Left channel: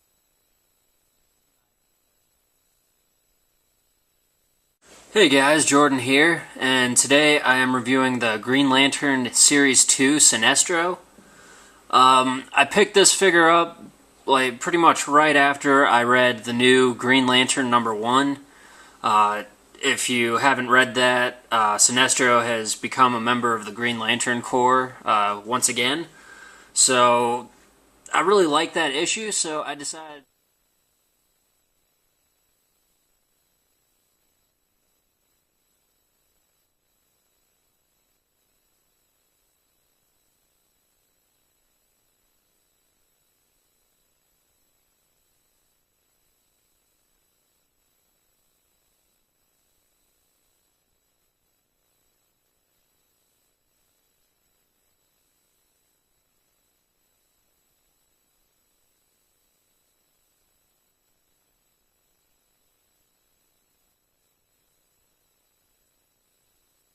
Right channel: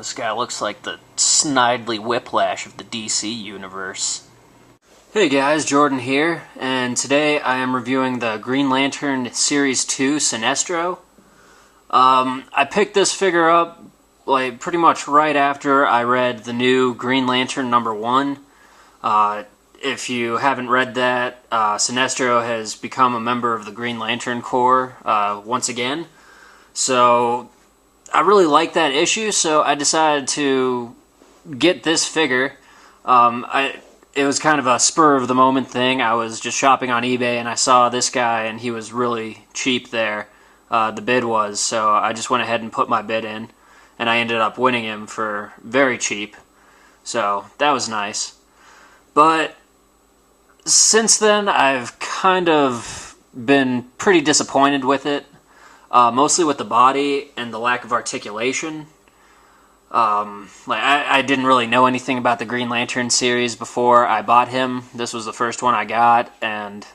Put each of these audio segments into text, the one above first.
This guy looks like the Snidely Whiplash of the DC universe. Hey guys, Jordan here, and today I am reviewing the Green Lantern Series 2 Sinestro. I picked this figure up like pretty much right after I read the new Green Lantern #1. If you haven't read that, Sinestro has become a member of the Green Lantern Corps once again. So I really like that issue, so I decided to get this figure. It was kind of a spur-of-the-moment thing. I was just shopping on eBay, and I saw this guy, and he was really cheap there. The bid was, so I just went ahead and put my bid in, and I ended up winning him for very cheap. So that was nice. But since then, I've kind of been pretty disappointed with it. Mostly with the body and the lack of articulation. I didn't really know anything about the Green Lantern series before I bought him. This was the first one I got, and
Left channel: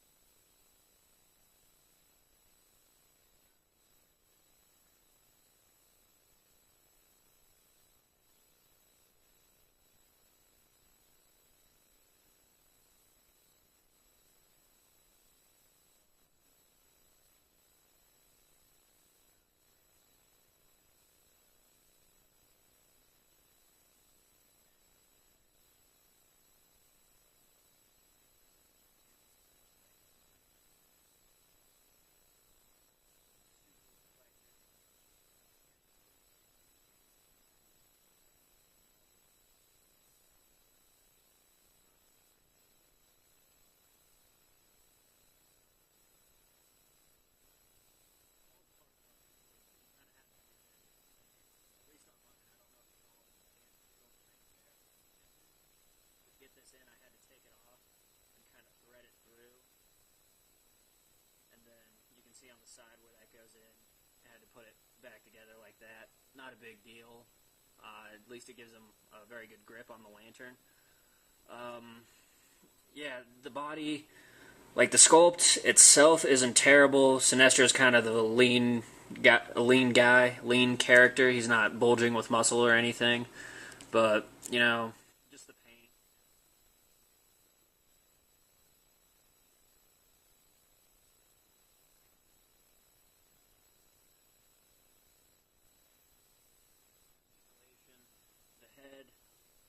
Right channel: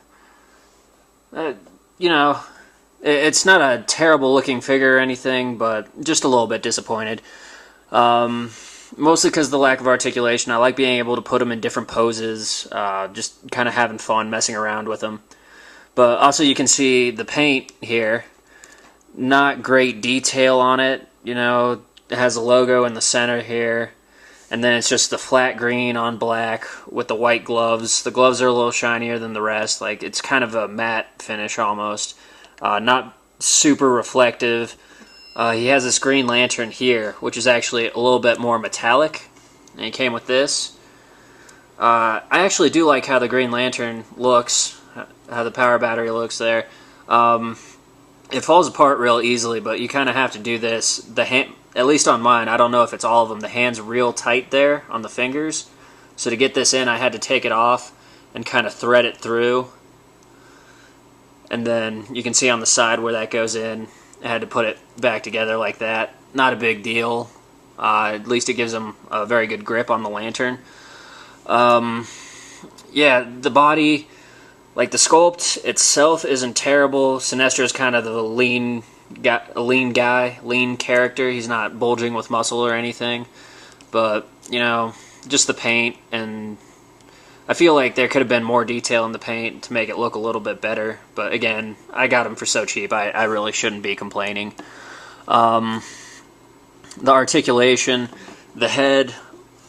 it's not a terrible looking figure or anything, but just a little bit disappointed. Mostly because of the lack of articulation. I like being able to put him in different poses, just kind of having fun messing around with him. But also you can see the paint here. Not great detail on it, it has a logo in the center here, and then it's just the flat green on black with the white gloves. The gloves are a little shinier than the rest, like it's kind of a matte finish almost, not super reflective. He has this Green Lantern here, which is actually a little bit more metallic, and he came with this. I actually do like how the Green Lantern looks, how the power battery looks there. It falls apart real easily, but you kind of have to do this. At least on mine, I don't know if it's all of them, the hand's real tight there on the fingers. So to get this in, I had to take it off and kind of thread it through. And then you can see on the side where that goes in. I had to put it back together like that. Not a big deal. At least it gives them a very good grip on the lantern. Yeah, the body... Like, the sculpt itself isn't terrible. Sinestro's kind of the lean character. He's not bulging with muscle or anything. But, just the paint, and I feel like there could have been more detail in the paint to make it look a little bit better. But, again, I got him for so cheap, I really shouldn't be complaining. The articulation, the head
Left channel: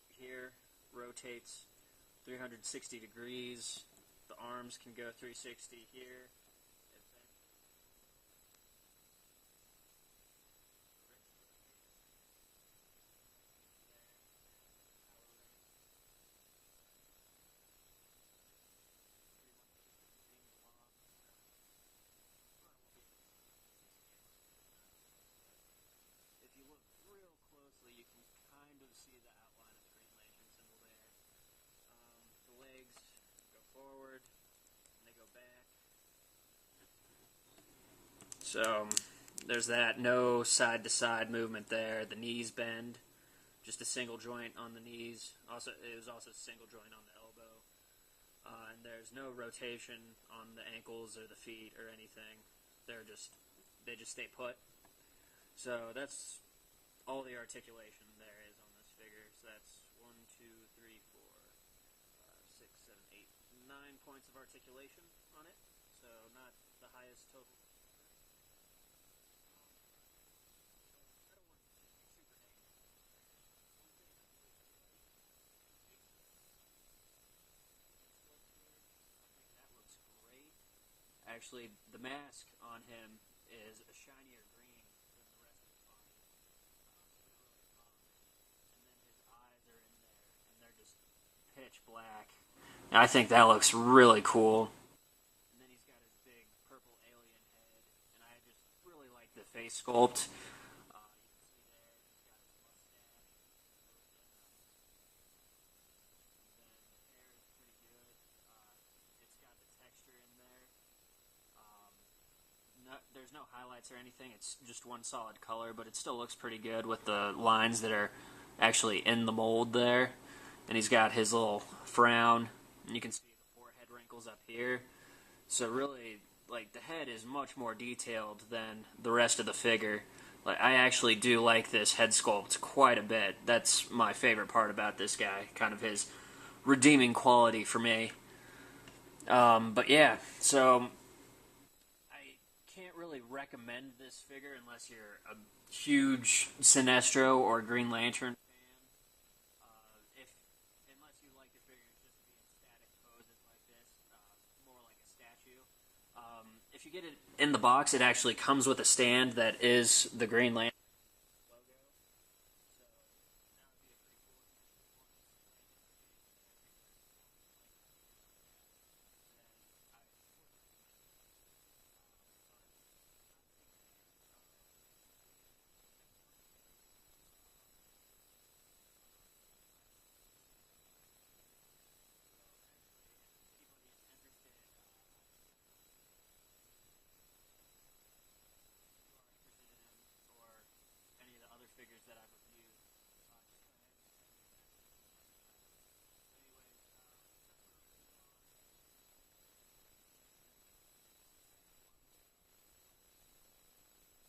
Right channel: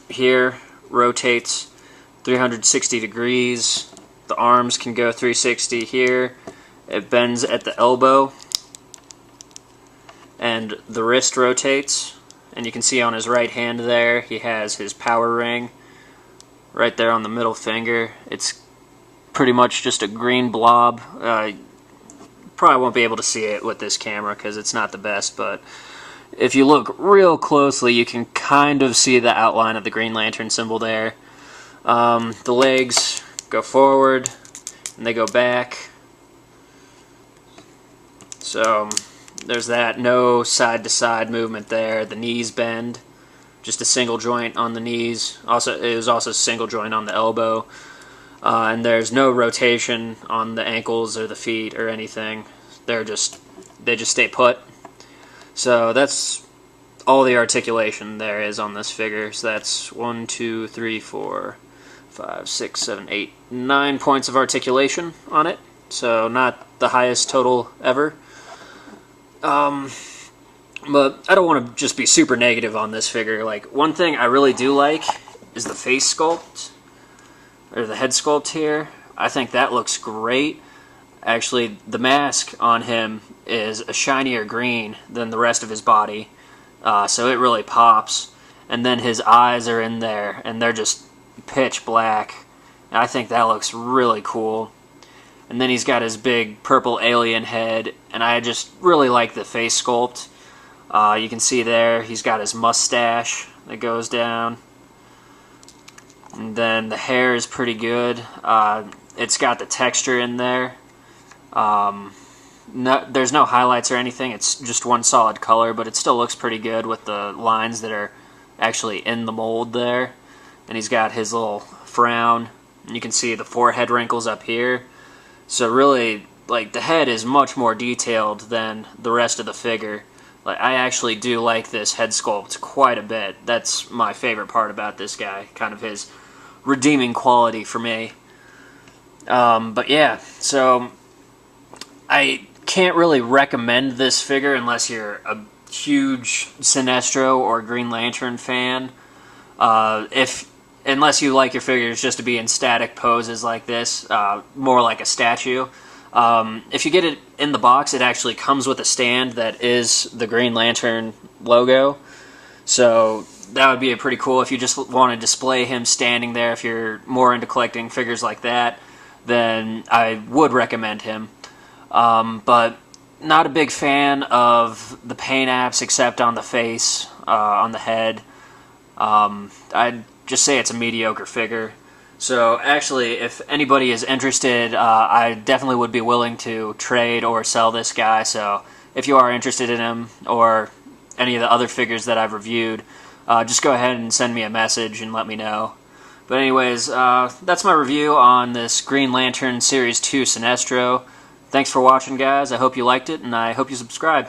here rotates 360 degrees. The arms can go 360 here. It bends at the elbow. And the wrist rotates. And you can see on his right hand there, he has his power ring right there on the middle finger. It's pretty much just a green blob. Probably won't be able to see it with this camera because it's not the best, but if you look real closely, you can kind of see the outline of the Green Lantern symbol there. The legs go forward and they go back, so there's that. No side to side movement there. The knees bend, just a single joint on the knees. Also, it was also a single joint on the elbow, and there's no rotation on the ankles or the feet or anything. They just stay put. So that's all the articulation there is on this figure. So that's 1, 2, 3, 4, 5, 6, 7, 8, 9 points of articulation on it, so not the highest total ever. But I don't want to just be super negative on this figure. Like, one thing I really do like is the face sculpt, or the head sculpt here. I think that looks great. Actually, the mask on him is a shinier green than the rest of his body, so it really pops. And then his eyes are in there, and they're just pitch black, and I think that looks really cool. And then he's got his big purple alien head, and I just really like the face sculpt. You can see there he's got his mustache that goes down, and then the hair is pretty good. It's got the texture in there. There's no highlights or anything, it's just one solid color, but it still looks pretty good with the lines that are actually in the mold there. And he's got his little frown, and you can see the forehead wrinkles up here. So really, like, the head is much more detailed than the rest of the figure. Like, I actually do like this head sculpt quite a bit. That's my favorite part about this guy, kind of his redeeming quality for me. But yeah, so I can't really recommend this figure unless you're a huge Sinestro or Green Lantern fan. Unless you like your figures just to be in static poses like this, more like a statue. If you get it in the box, it actually comes with a stand that is the Green Lantern logo. So that would be pretty cool if you just want to display him standing there. If you're more into collecting figures like that, then I would recommend him. But not a big fan of the paint apps except on the face, on the head. I'd just say it's a mediocre figure. So actually, if anybody is interested, I definitely would be willing to trade or sell this guy. So if you are interested in him or any of the other figures that I've reviewed, just go ahead and send me a message and let me know. But anyways, that's my review on this Green Lantern Series 2 Sinestro. Thanks for watching, guys. I hope you liked it, and I hope you subscribe.